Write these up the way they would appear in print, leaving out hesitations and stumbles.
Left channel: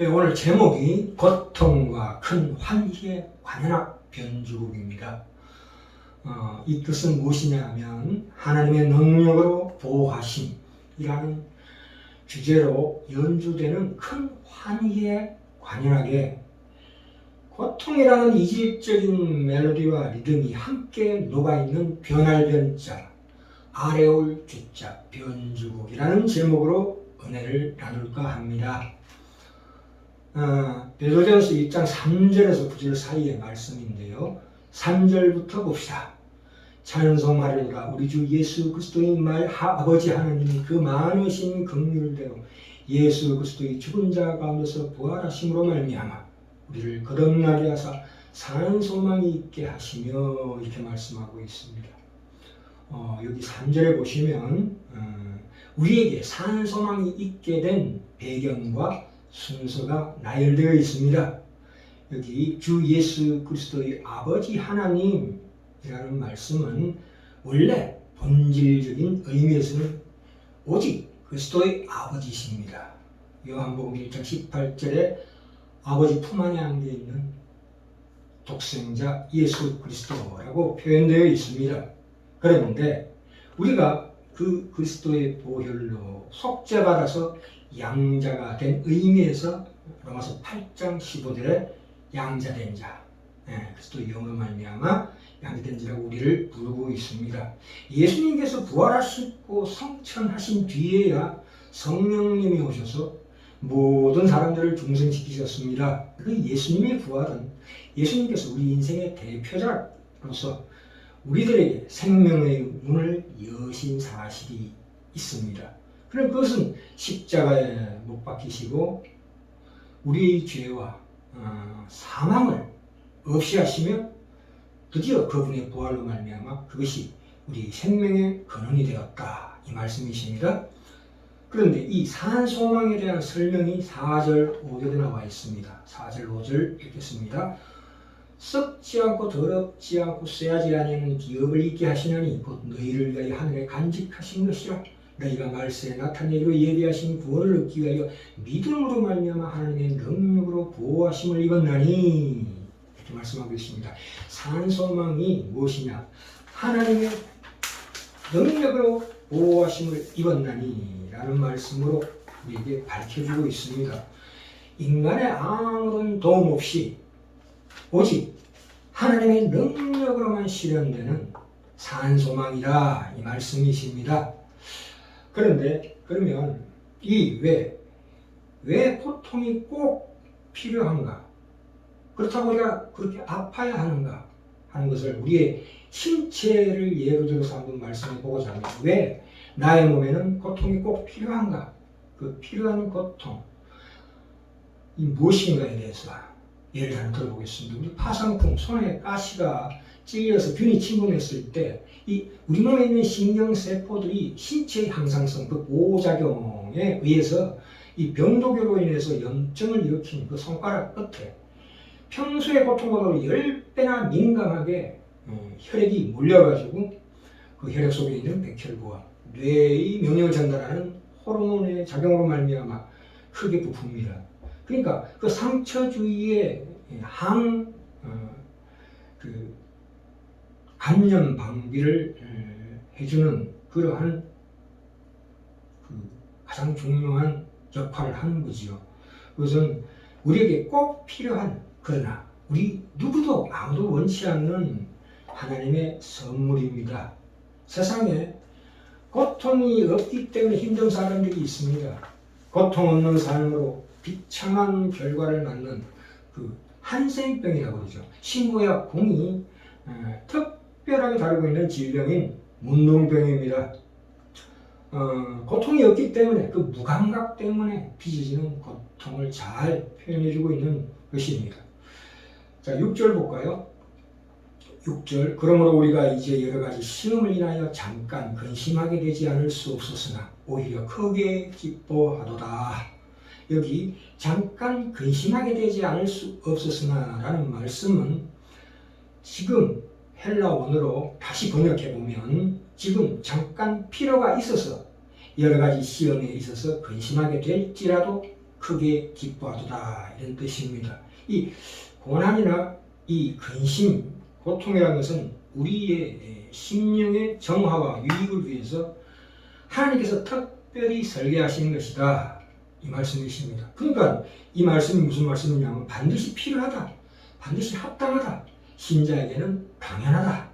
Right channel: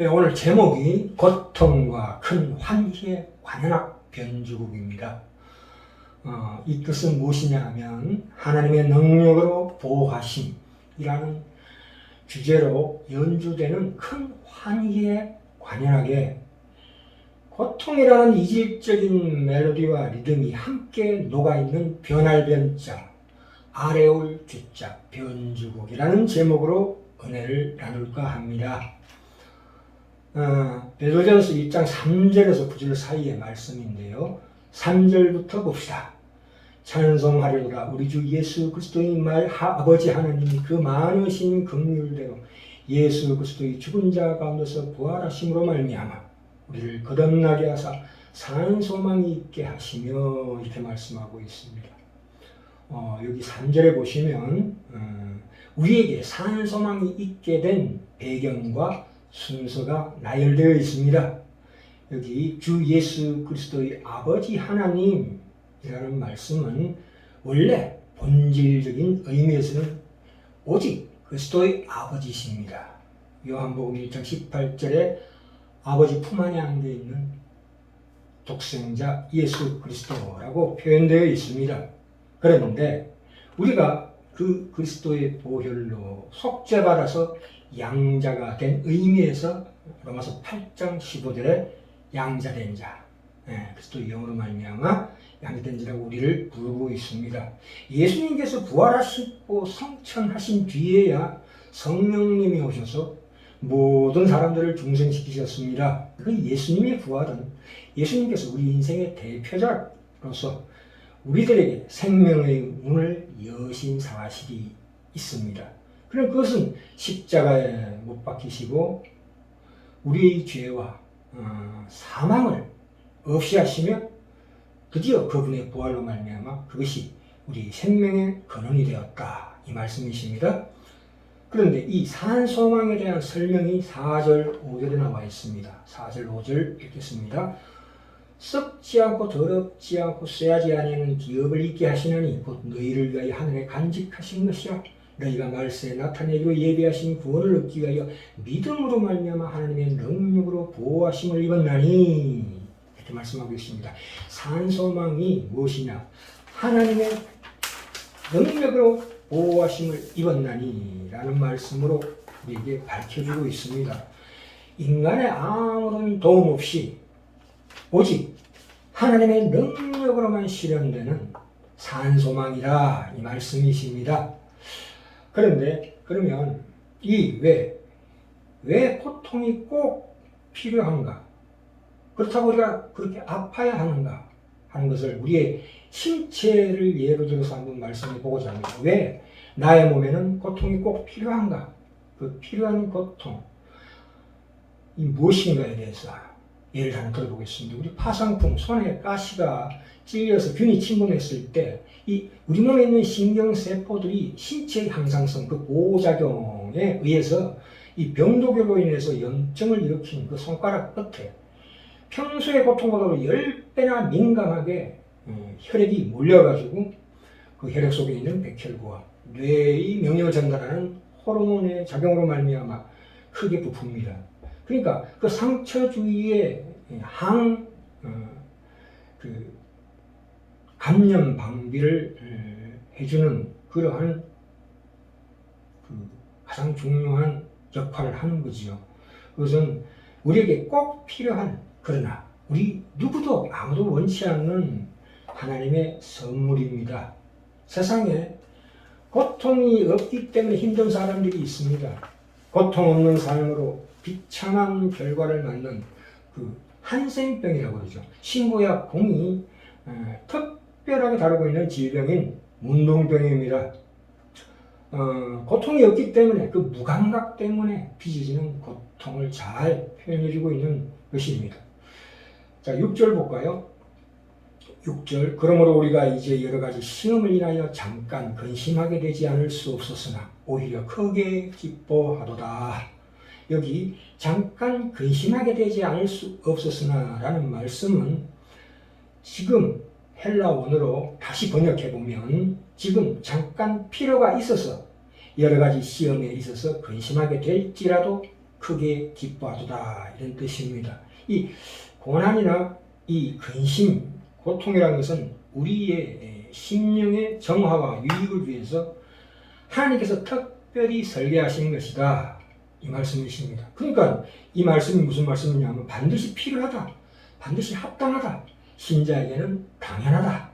네, 오늘 제목이 고통과 큰 환희의 관현악 변주곡입니다. 이 뜻은 무엇이냐 하면 하나님의 능력으로 보호하심이라는 주제로 연주되는 큰 환희의 관현악에 고통이라는 이질적인 멜로디와 리듬이 함께 녹아있는 변할 변자, 아래 올 주자 변주곡이라는 제목으로 은혜를 나눌까 합니다. 베드로전서 1장 3절에서 9절 사이의 말씀인데요. 3절부터 봅시다. 찬송하려도다 우리 주 예수 그리스도의 말 아버지 하나님이 그 많으신 긍휼대로 예수 그리스도의 죽은 자 가운데서 부활하심으로 말미암아 우리를 거듭나게 하사 산 소망이 있게 하시며 이렇게 말씀하고 있습니다. 여기 3절에 보시면 우리에게 산 소망이 있게 된 배경과 순서가 나열되어 있습니다. 여기 주 예수 그리스도의 아버지 하나님이라는 말씀은 원래 본질적인 의미에서는 오직 그리스도의 아버지십니다. 요한복음 1장 18절에 아버지 품 안에 안겨 있는 독생자 예수 그리스도라고 표현되어 있습니다. 그런데 우리가 그 그리스도의 보혈로 속죄받아서 양자가 된 의미에서 로마서 8장 15절에 양자된 자, 그리스도의 영으로 말미암아 양자된 자라고 우리를 부르고 있습니다. 예수님께서 부활하시고 성천하신 뒤에야 성령님이 오셔서 모든 사람들을 중생시키셨습니다. 그 예수님의 부활은 예수님께서 우리 인생의 대표자로서 우리들에게 생명의 문을 여신 사실이 있습니다. 그럼 그것은 십자가에 못 박히시고 우리의 죄와 사망을 없이 하시며 드디어 그분의 부활로 말미암아 그것이 우리 생명의 근원이 되었다 이 말씀이십니다. 그런데 이 산 소망에 대한 설명이 4절 5절에 나와 있습니다. 4절 5절 읽겠습니다. 썩지 않고 더럽지 않고 쇠하지 아니하는 기업을 있게 하시느니 곧 너희를 위하여 하늘에 간직하신 것이라. 너희가 말세에 나타내기로 예비하신 구원을 얻기 위하여 믿음으로 말미암아 하나님의 능력으로 보호하심을 입었나니 이렇게 말씀하고 있습니다. 산 소망이 무엇이냐? 하나님의 능력으로 보호하심을 입었나니 라는 말씀으로 우리에게 밝혀주고 있습니다. 인간의 아무런 도움 없이 오직 하나님의 능력으로만 실현되는 산 소망이라 이 말씀이십니다. 그런데 그러면 왜 고통이 꼭 필요한가? 그렇다고 우리가 그렇게 아파야 하는가? 하는 것을 우리의 신체를 예로 들어서 한번 말씀해 보고자 합니다. 왜 나의 몸에는 고통이 꼭 필요한가? 그 필요한 고통 이 무엇인가에 대해서 예를 하나 들어보겠습니다. 우리 파상풍 손에 가시가 찔려서 균이 침범했을 때 우리 몸에 있는 신경세포들이 신체의 항상성, 그 보호작용에 의해서 이 병독으로 인해서 염증을 일으키는 그 손가락 끝에 평소의 고통보다 10배나 민감하게 혈액이 몰려가지고 그 혈액 속에 있는 백혈구와 뇌의 명령을 전달하는 호르몬의 작용으로 말미암아 크게 부풉니다. 그러니까 그 상처 주위에 감염 방비를 해주는 그러한 가장 중요한 역할을 하는 거지요. 그것은 우리에게 꼭 필요한 그러나 우리 누구도 아무도 원치 않는 하나님의 선물입니다. 세상에 고통이 없기 때문에 힘든 사람들이 있습니다. 고통 없는 삶으로 비참한 결과를 맞는 그 한센병이라고 그러죠. 신고약 공이 특별하게 다루고 있는 질병인 문둥병입니다. 고통이 없기 때문에 그 무감각 때문에 빚어지는 고통을 잘 표현해주고 있는 것입니다. 자, 6절 볼까요? 6절 그러므로 우리가 이제 여러 가지 시험을 인하여 잠깐 근심하게 되지 않을 수 없었으나 오히려 크게 기뻐하도다. 여기 잠깐 근심하게 되지 않을 수 없었으나 라는 말씀은 지금 헬라 원어로 다시 번역해 보면 지금 잠깐 필요가 있어서 여러 가지 시험에 있어서 근심하게 될지라도 크게 기뻐하도다 이런 뜻입니다. 이 고난이나 이 근심, 고통이라는 것은 우리의 심령의 정화와 유익을 위해서 하나님께서 특별히 설계하시는 것이다 이 말씀이십니다. 그러니까 이 말씀이 무슨 말씀이냐면 반드시 필요하다, 반드시 합당하다, 신자에게는 당연하다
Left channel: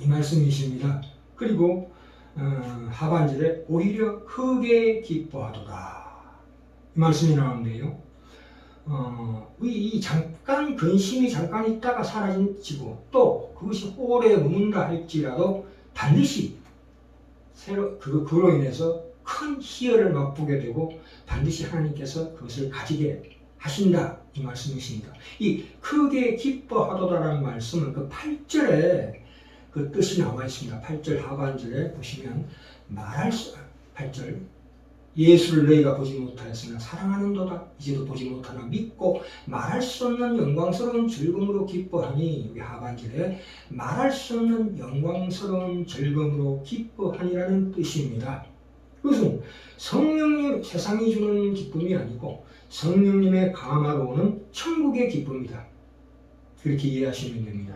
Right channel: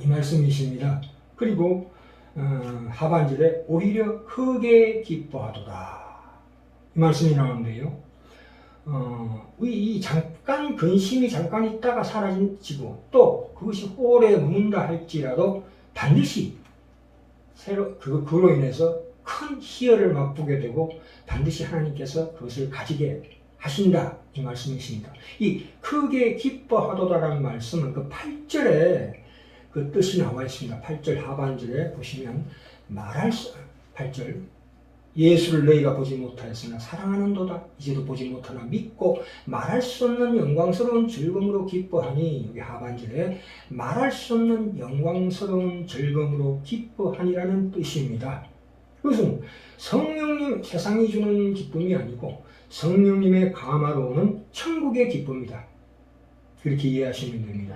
이 말씀이십니다. 그리고 하반절에 오히려 크게 기뻐하도다 이 말씀이 나오는데요. 이 잠깐 근심이 잠깐 있다가 사라지고 또 그것이 오래 머문다 할지라도 반드시 그로 인해서 큰 희열을 맛보게 되고 반드시 하나님께서 그것을 가지게 하신다 이 말씀이십니다. 이 크게 기뻐하도다라는 말씀은 그 8절에 그 뜻이 나와 있습니다. 8절 하반절에 보시면 8절 예수를 너희가 보지 못하였으나 사랑하는도다 이제도 보지 못하나 믿고 말할 수 없는 영광스러운 즐거움으로 기뻐하니 여기 하반절에 말할 수 없는 영광스러운 즐거움으로 기뻐하니라는 뜻입니다. 그것은 성령님 세상이 주는 기쁨이 아니고 성령님의 감화로 오는 천국의 기쁨이다. 그렇게 이해하시면 됩니다.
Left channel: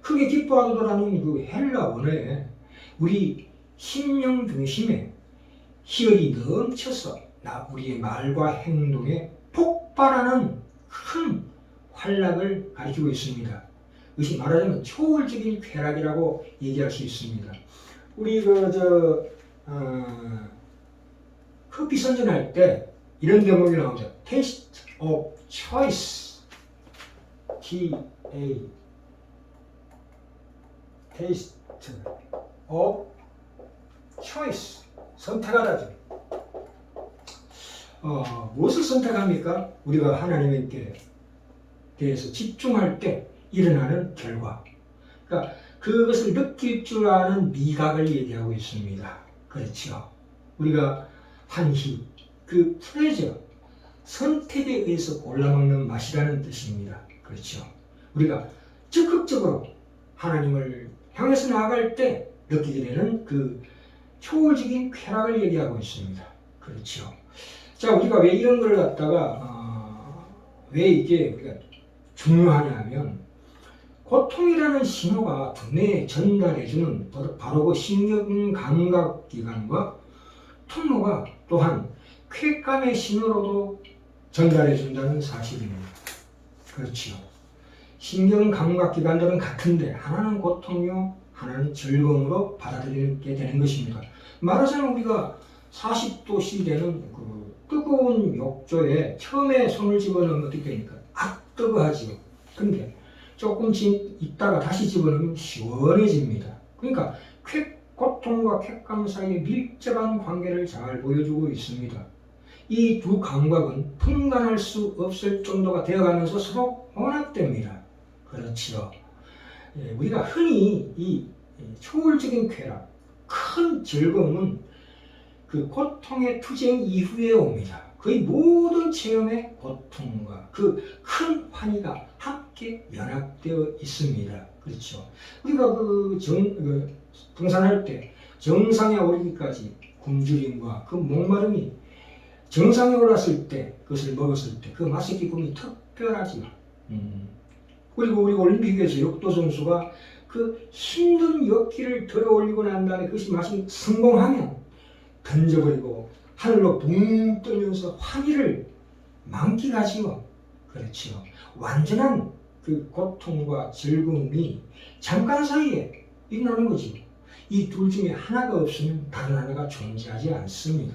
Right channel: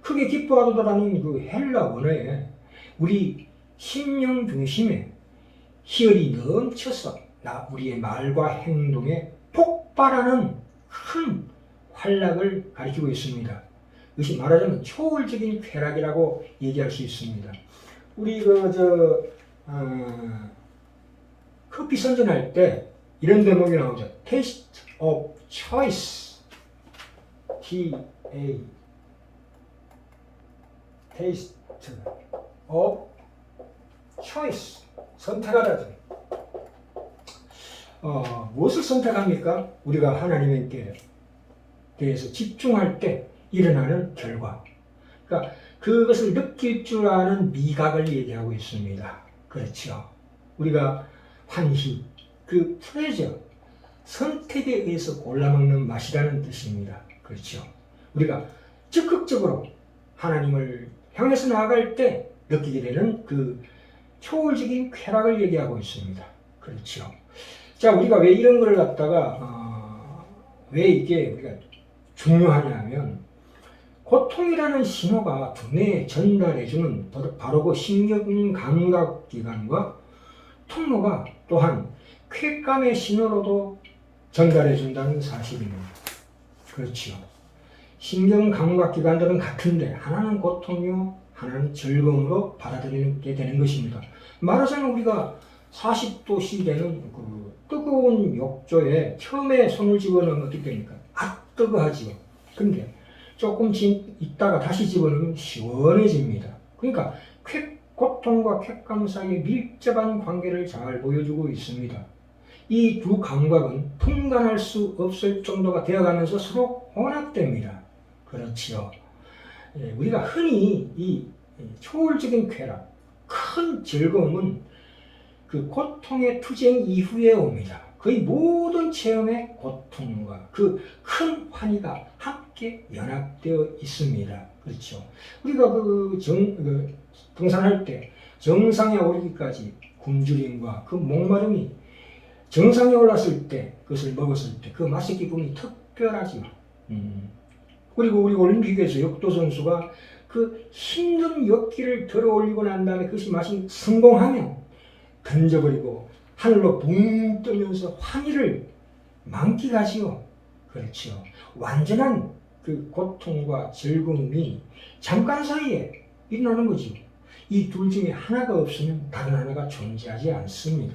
크게 기뻐하도다라는 그 헬라 원어에 우리 심령 중심에 희열이 넘쳐서 우리의 말과 행동에 폭발하는 큰 활락을 가리키고 있습니다. 이것이 말하자면 초월적인 쾌락이라고 얘기할 수 있습니다. 우리 커피 선전할 때 이런 대목이 나오죠. Taste of choice. T-A Taste of choice. 선택하다죠. 무엇을 선택합니까? 우리가 하나님께 대해서 집중할 때 일어나는 결과. 그러니까 그것을 느낄 줄 아는 미각을 얘기하고 있습니다. 그렇죠. 우리가 환희, 그 플레저, 선택에 의해서 골라먹는 맛이라는 뜻입니다. 그렇죠. 우리가 적극적으로 하나님을 향해서 나아갈 때 느끼게 되는 그 초월적인 쾌락을 얘기하고 있습니다. 그렇죠. 자, 우리가 왜 이런 걸 갖다가 왜 이게 우리가 중요하냐면 고통이라는 신호가 두뇌에 전달해주는 바로 그 신경감각기관과 통로가 또한 쾌감의 신호로도 전달해준다는 사실입니다. 그렇죠. 신경감각기관들은 같은데 하나는 고통이요 하나는 즐거움으로 받아들이게 되는 것입니다. 말하자면 우리가 40도씨 되는 그 뜨거운 욕조에 처음에 손을 집어넣으면 어떻게 됩니까? 뜨거워하지요. 근데 조금 있다가 다시 집어넣으면 시원해집니다. 그러니까 고통과 쾌감 사이의 밀접한 관계를 잘 보여주고 있습니다. 이 두 감각은 분간할 수 없을 정도가 되어가면서 서로 혼합됩니다. 그렇지요. 우리가 흔히 이 초월적인 쾌락, 큰 즐거움은 그 고통의 투쟁 이후에 옵니다. 거의 모든 체험의 고통과 그 큰 환희가 함께 연합되어 있습니다. 그렇죠. 우리가 등산할 때 정상에 오르기까지 굶주림과 그 목마름이 정상에 올랐을 때 그것을 먹었을 때 그 맛의 기쁨이 특별하지요. 그리고 우리 올림픽에서 역도 선수가 그 힘든 역기를 들어 올리고 난 다음에 그것이 맛이 성공하면 던져버리고 하늘로 붕 뜨면서 환희를 만끽하지요. 그렇죠. 완전한 그 고통과 즐거움이 잠깐 사이에 일어나는 거지. 이 둘 중에 하나가 없으면 다른 하나가 존재하지 않습니다.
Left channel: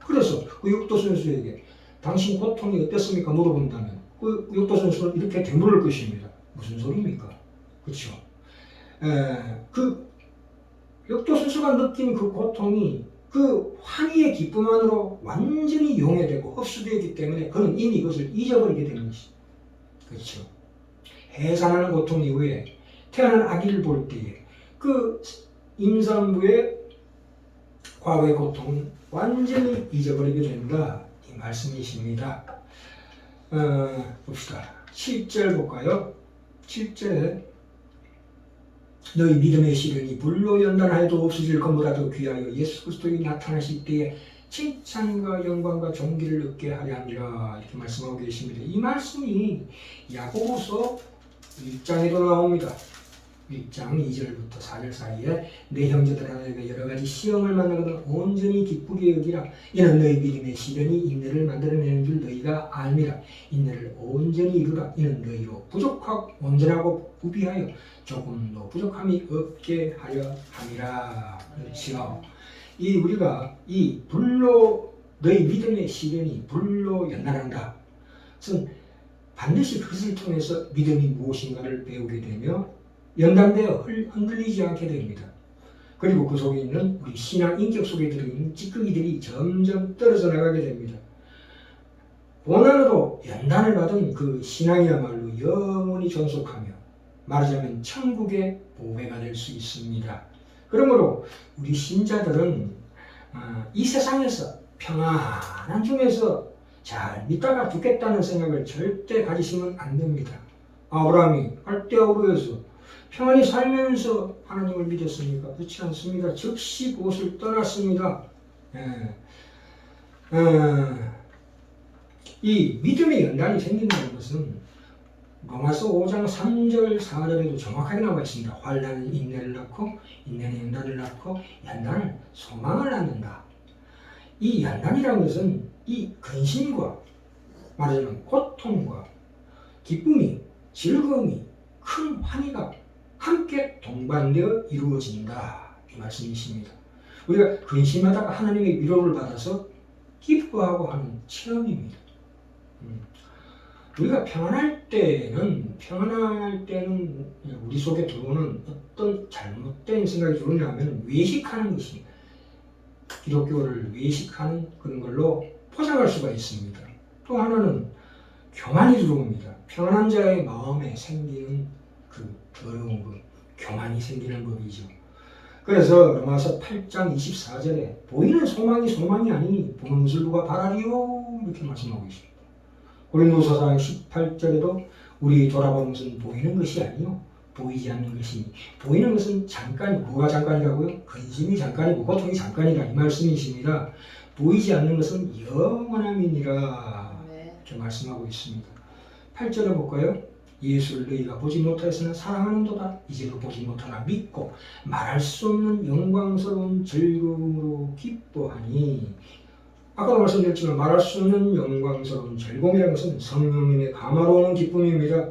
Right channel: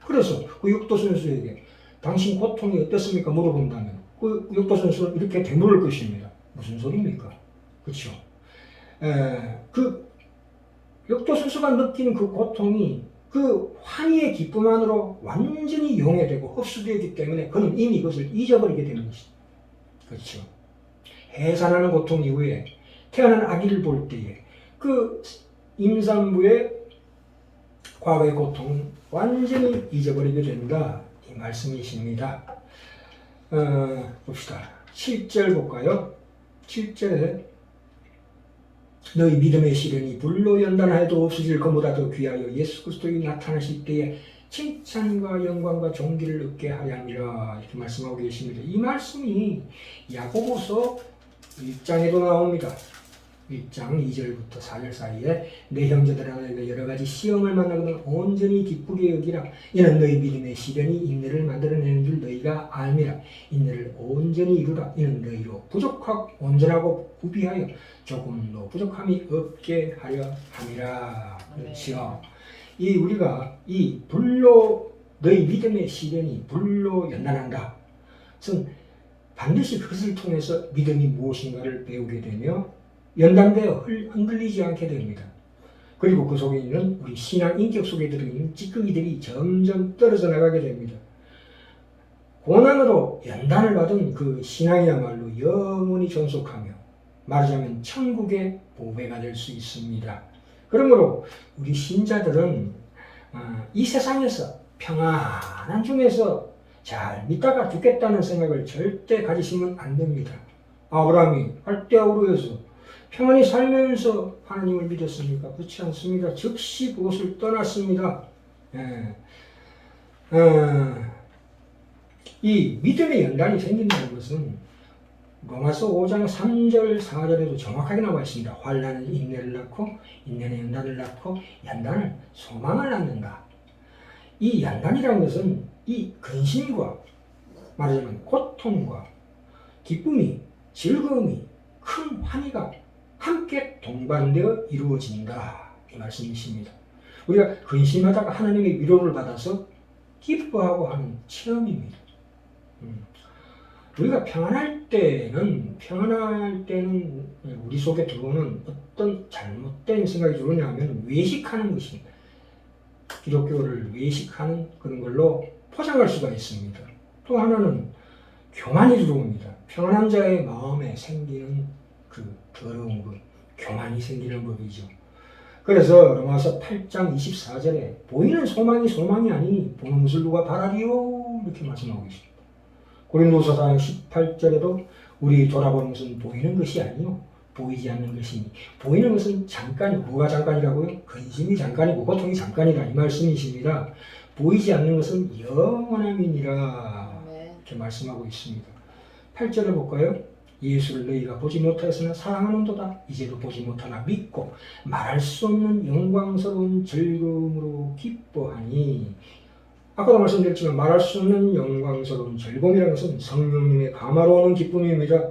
그래서 그 역도 선수에게 당신 고통이 어땠습니까? 물어본다면 그 역도 선수는 이렇게 되물을 것입니다. 무슨 소리입니까? 그렇죠. 그 역도 선수가 느낀 그 고통이 그 환희의 기쁨 안으로 완전히 용해되고 흡수되기 때문에 그는 이미 그것을 잊어버리게 되는 것입니다. 그렇죠. 해산하는 고통 이후에 태어난 아기를 볼 때에 그 임산부의 과거의 고통은 완전히 잊어버리게 된다. 이 말씀이십니다. 봅시다. 7절 볼까요? 7절에 너희 믿음의 시련이 불로 연단하여도 없어질 것보다 더 귀하여 예수 그리스도의 나타나실 때에 칭찬과 영광과 존귀를 얻게 하려 함이라 이렇게 말씀하고 계십니다. 이 말씀이 야고보서 1장에도 나옵니다. 1장 2절부터 4절 사이에 내 형제들아 너희가 여러 가지 시험을 만나거든 온전히 기쁘게 여기라. 이는 너희 믿음의 시련이 인내를 만들어내는 줄 너희가 알미라. 인내를 온전히 이루라. 이는 너희로 부족하고 온전하고 구비하여 조금도 부족함이 없게 하려 함이라. 그렇지요. 우리가 이 불로 너희 믿음의 시련이 불로 연단한다. 그것은 반드시 그것을 통해서 믿음이 무엇인가를 배우게 되며 연단되어 흔들리지 않게 됩니다. 그리고 그 속에 있는 우리 신앙 인격 속에 들어있는 찌꺼기들이 점점 떨어져 나가게 됩니다. 고난으로 연단을 받은 그 신앙이야말로 영원히 존속하며 말하자면 천국의 보배가 될 수 있습니다. 그러므로 우리 신자들은 이 세상에서 평안한 중에서 잘 믿다가 죽겠다는 생각을 절대 가지시면 안 됩니다. 아브라함이 갈대아우르에서 평안히 살면서 하나님을 믿었습니까? 그렇지 않습니다. 즉시 그곳을 떠났습니다. 이 믿음의 연단이 생긴다는 것은 로마서 5장 3절 4절에도 정확하게 나와 있습니다. 환난은 인내를 낳고 인내는 연단을 낳고 연단은 소망을 낳는다. 이 연단이라는 것은 이 근심과 말하자면 고통과 기쁨이 즐거움이 큰 환희가 함께 동반되어 이루어진다. 이 말씀이십니다. 우리가 근심하다가 하나님의 위로를 받아서 기뻐하고 하는 체험입니다. 우리가 평안할 때는 우리 속에 들어오는 어떤 잘못된 생각이 들어오냐면 외식하는 것입니다. 기독교를 외식하는 그런 걸로 포장할 수가 있습니다. 또 하나는 교만이 들어옵니다. 평안한 자의 마음에 생기는 그 더러운 것, 교만이 생기는 법이죠. 그래서 로마서 8장 24절에 보이는 소망이 아니니 보는 것을 누가 바라리요? 이렇게 말씀하고 있습니다. 고린도서 4장 18절에도 우리 돌아보는 것은 보이는 것이 아니요 보이지 않는 것이니 보이는 것은 잠깐, 뭐가 잠깐이라고요? 근심이 잠깐이고 고통이 잠깐이다 이 말씀이십니다. 보이지 않는 것은 영원함이니라 이렇게 말씀하고 있습니다. 8절에 볼까요? 예수를 너희가 보지 못하였으나 사랑하는도다. 이제도 보지 못하나 믿고 말할 수 없는 영광스러운 즐거움으로 기뻐하니. 아까도 말씀드렸지만 말할 수 없는 영광스러운 즐거움이라는 것은 성령님의 감화로 오는 기쁨입니다.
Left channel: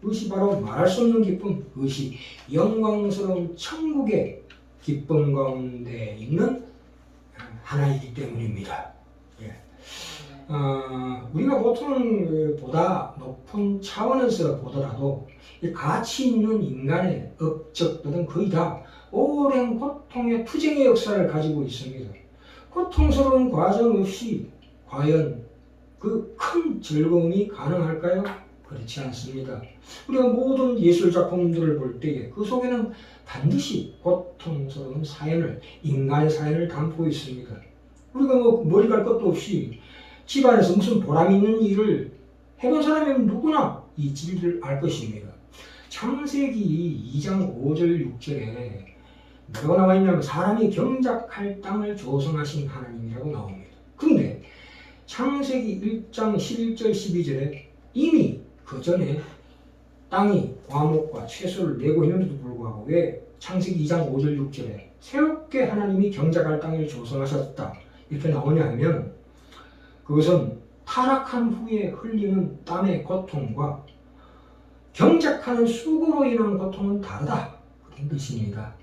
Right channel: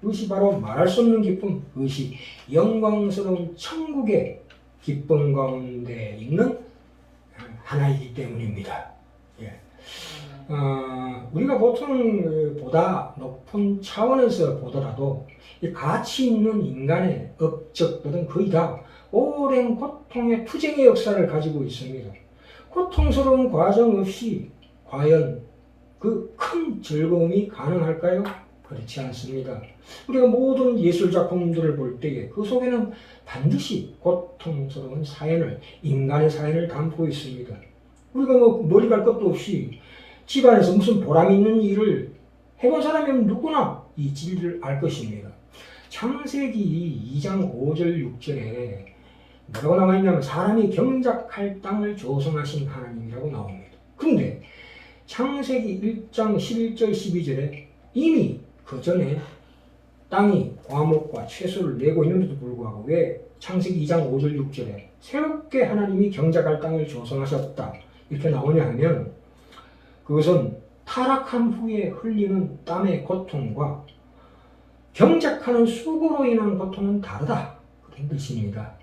그것이 바로 말할 수 없는 기쁨, 그것이 영광스러운 천국의 기쁨 가운데 있는 하나이기 때문입니다. 우리가 보통 보다 높은 차원에서 보더라도 가치 있는 인간의 업적들은 거의 다 오랜 고통의 투쟁의 역사를 가지고 있습니다. 고통스러운 과정 없이 과연 그 큰 즐거움이 가능할까요? 그렇지 않습니다. 우리가 모든 예술 작품들을 볼 때에 그 속에는 반드시 고통스러운 사연을, 인간의 사연을 담고 있습니다. 우리가 머리 갈 것도 없이 집안에서 무슨 보람 있는 일을 해본 사람이면 누구나 이 진리를 알 것입니다. 창세기 2장 5절 6절에 뭐라고 나와 있냐면 사람이 경작할 땅을 조성하신 하나님이라고 나옵니다. 그런데 창세기 1장 11절 12절에 이미 그 전에 땅이 과목과 채소를 내고 있는데도 불구하고 왜 창세기 2장 5절 6절에 새롭게 하나님이 경작할 땅을 조성하셨다 이렇게 나오냐 하면 그것은 타락한 후에 흘리는 땀의 고통과 경작하는 수고로 인한 고통은 다르다 그런 뜻입니다.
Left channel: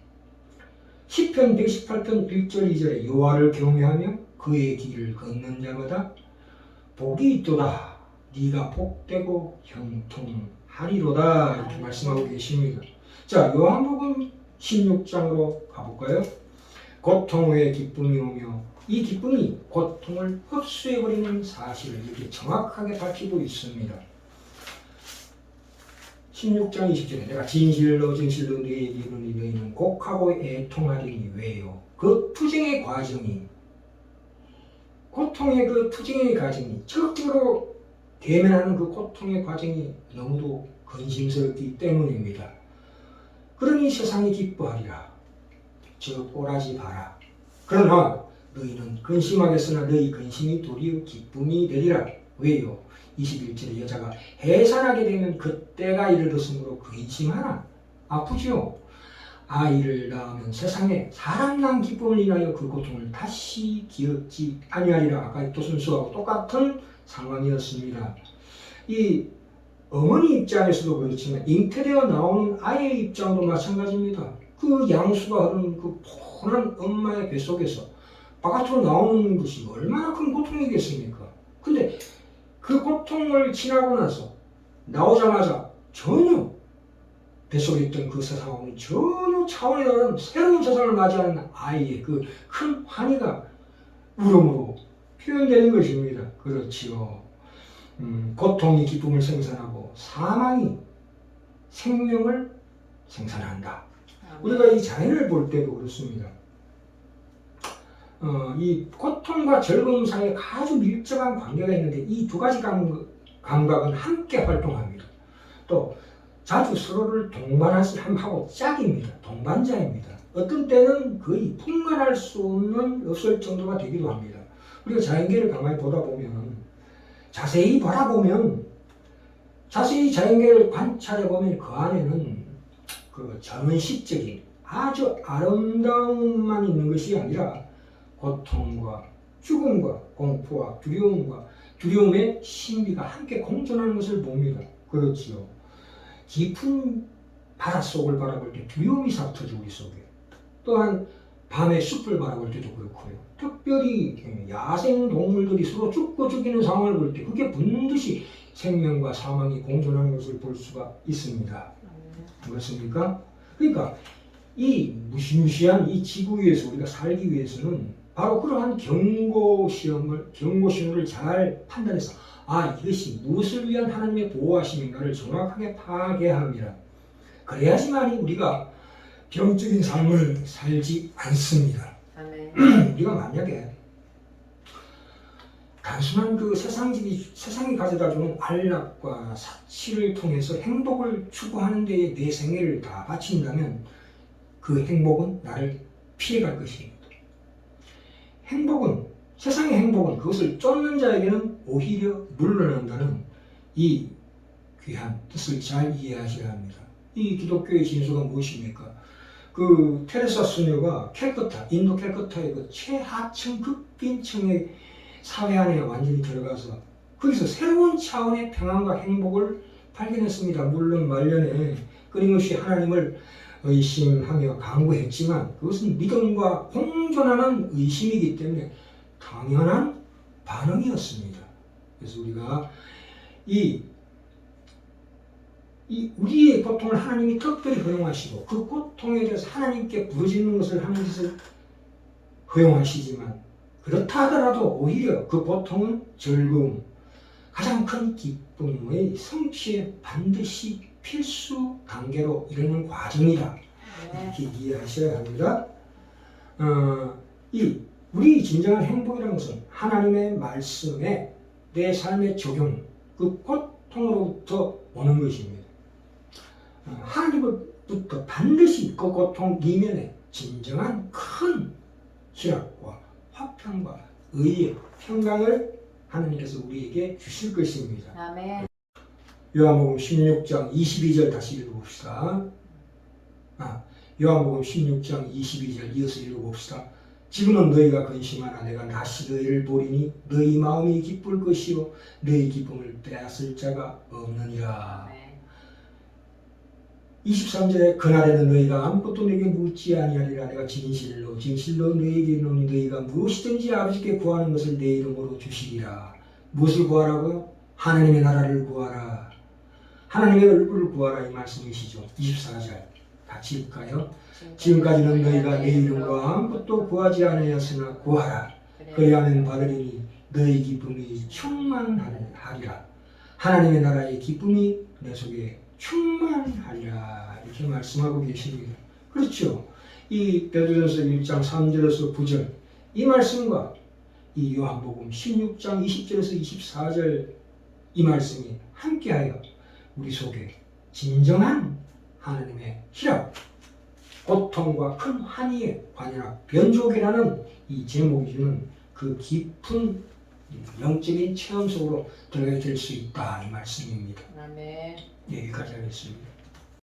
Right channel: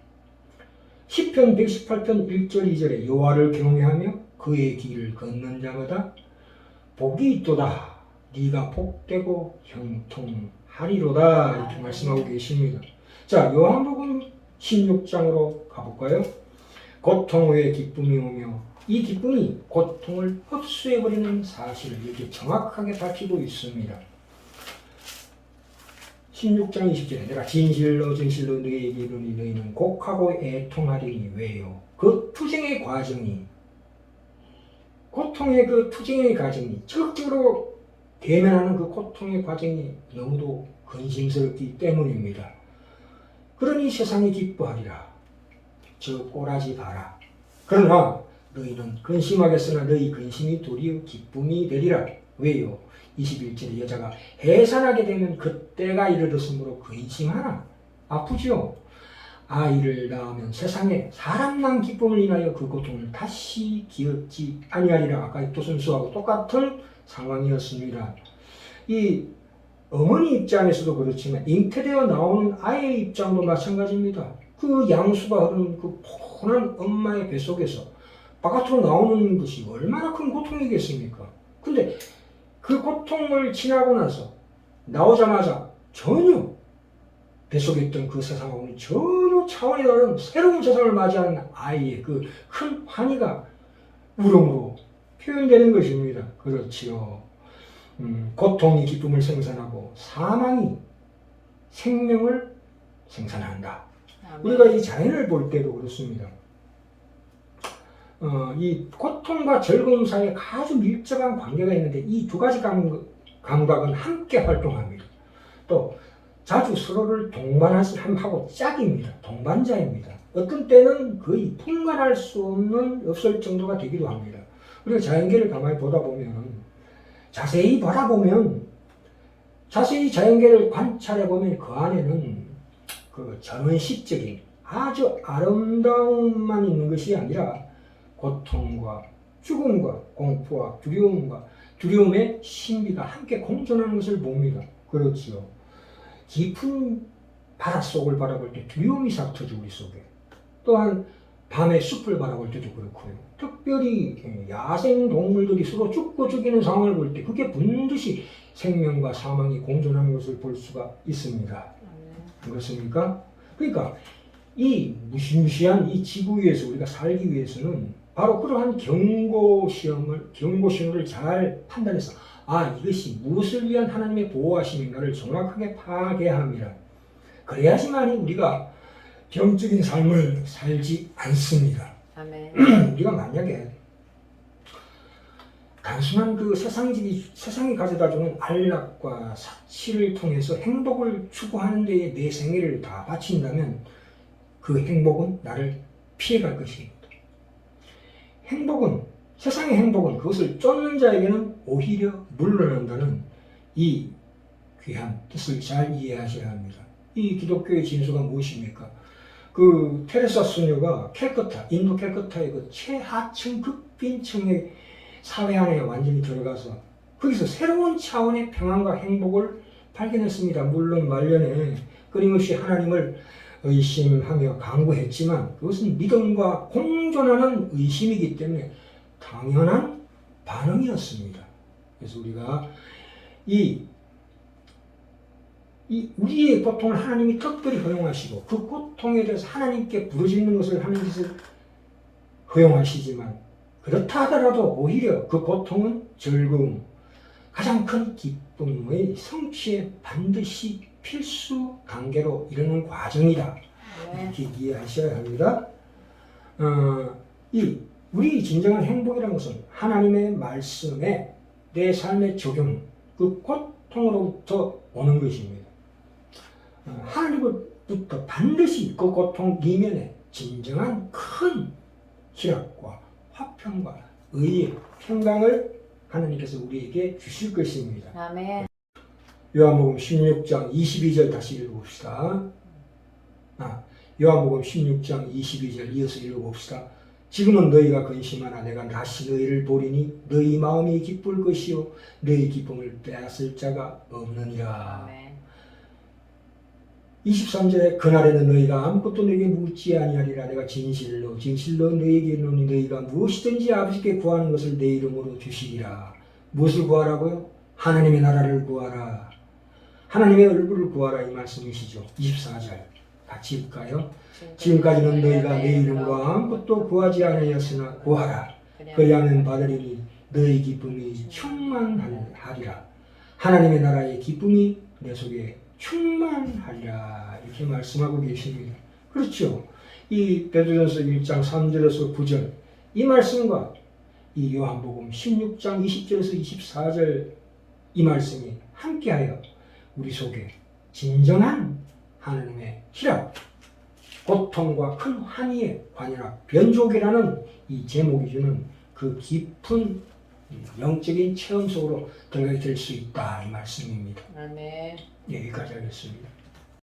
시편 118편 1절 2절에 여호와를 경외하며 그의 길을 걷는 자마다 복이 있도다. 네가 복되고 형통하리로다 이렇게 말씀하고 계십니다. 자, 요한복음 16장으로 가볼까요? 고통 후에 기쁨이 오며 이 기쁨이 고통을 흡수해버리는 사실을 이렇게 정확하게 밝히고 있습니다. 16장 20절에 내가 진실로 너희에게 이르노니 너희는 곡하고 애통하리니 왜요? 그 투쟁의 과정이 고통의 그 투쟁의 과정이 적극적으로 대면하는 그 고통의 과정이 너무도 근심스럽기 때문입니다. 그러니 세상이 기뻐하리라. 저 꼬라지 봐라. 그러나 너희는 근심하겠으나 너희 근심이 도리어 기쁨이 되리라. 왜요? 21절에 여자가 해산하게 되면 그때가 이르렀으므로 근심하나 아프지요. 아이를 낳으면 세상에 사람 난 기쁨을 인하여 그 고통을 다시 기억지 아니하리라. 아까 도선수하고 똑같은 상황이었습니다. 이 어머니 입장에서도 그렇지만 잉태되어 나오는 아이의 입장도 마찬가지입니다. 그 양수가 흐르는 그 폰한 엄마의 뱃속에서 바깥으로 나오는 것이 얼마나 큰 고통이겠습니까? 근데 그 고통을 지나고 나서 나오자마자 전혀 뱃속에 있던 그 세상하고는 전혀 차원이 다른 새로운 세상을 맞이하는 아이의 그 큰 환희가 울음으로 표현되는 것입니다. 그렇지요. 고통이 기쁨을 생산하고 사망이 생명을 생산한다. 우리가 이 자연을 볼 때도 그렇습니다. 이 고통과 즐거움 사이에 아주 밀접한 관계가 있는데 이 두 가지 감각은 함께 활동합니다. 또 자주 서로를 동반하고 짝입니다. 동반자입니다. 어떤 때는 거의 분간할 수 없을 정도가 되기도 합니다. 우리가 자연계를 가만히 보다 보면 자세히 바라보면 자세히 자연계를 관찰해 보면 그 안에는 그 전원식적인 아주 아름다움만 있는 것이 아니라 고통과 죽음과 공포와 두려움의 신비가 함께 공존하는 것을 봅니다. 그렇지요. 깊은 바닷속을 바라볼 때 두려움이 싹 트죠, 우리 속에. 또한 밤에 숲을 바라볼 때도 그렇고요. 특별히 야생 동물들이 서로 죽고 죽이는 상황을 볼 때 그게 반드시 생명과 사망이 공존하는 것을 볼 수가 있습니다. 그렇습니까? 그러니까 이 무시무시한 이 지구 위에서 우리가 살기 위해서는 바로 그러한 경고 신호를 잘 판단해서 이것이 무엇을 위한 하나님의 보호하심인가를 정확하게 파악해야 합니다. 그래야지만이 우리가 병적인 삶을 살지 않습니다. 아멘. 우리가 만약에 단순한 그 세상이 가져다주는 안락과 사치를 통해서 행복을 추구하는 데에 내 생애를 다 바친다면 그 행복은 나를 피해갈 것입니다. 세상의 행복은 그것을 쫓는 자에게는 오히려 물러난다는 이 귀한 뜻을 잘 이해하셔야 합니다. 이 기독교의 진수가 무엇입니까? 그 테레사 수녀가 인도 캘커타의 그 최하층 극빈층의 사회 안에 완전히 들어가서 거기서 새로운 차원의 평안과 행복을 발견했습니다. 물론 말년에 끊임없이 하나님을 의심하며 강구했지만 그것은 믿음과 공존하는 의심이기 때문에 당연한 반응이었습니다. 그래서 우리가 우리의 고통을 하나님이 특별히 허용하시고 그 고통에 대해서 하나님께 부르짖는 것을 하는 짓을 허용하시지만 그렇다 하더라도 오히려 그 고통은 즐거움, 가장 큰 기쁨의 성취에 반드시 필수 단계로 이르는 과정이다. 이렇게 이해하셔야 합니다. 우리 진정한 행복이라는 것은 하나님의 말씀에 내 삶의 적용, 그 고통으로부터 오는 것입니다. 하나님으로부터 반드시 그 고통 이면에 진정한 큰 희락과 화평과 의의 평강을 하나님께서 우리에게 주실 것입니다. 아멘. 요한복음 16장 22절 다시 읽어봅시다. 요한복음 16장 22절 이어서 읽어봅시다. 지금은 너희가 근심하나 내가 다시 너희를 보리니 너희 마음이 기쁠 것이요 너희 기쁨을 빼앗을 자가 없느니라. 아멘. 23절에 그날에는 너희가 아무것도 내게 묻지 아니하리라. 내가 진실로 너희에게 이르노니 너희가 무엇이든지 아버지께 구하는 것을 내 이름으로 주시리라. 무엇을 구하라고요? 하나님의 나라를 구하라. 하나님의 얼굴을 구하라 이 말씀이시죠. 24절 같이 읽을까요? 지금까지는 너희가 내 이름과 아무것도 구하지 아니하였으나 구하라. 그리하면 받으리니 너희 기쁨이 충만하리라. 하나님의 나라의 기쁨이 내 속에 충만하리라. 이렇게 말씀하고 계십니다. 그렇죠. 이 베드로전서 1장 3절에서 9절 이 말씀과 이 요한복음 16장 20절에서 24절 이 말씀이 함께하여 우리 속에 진정한 하나님의 희락, 고통과 큰 환희의 관연합, 변족이라는 이 제목이 주는 그 깊은 영적인 체험 속으로 들어가게 될 수 있다 이 말씀입니다. 아멘. 여기까지 하겠습니다.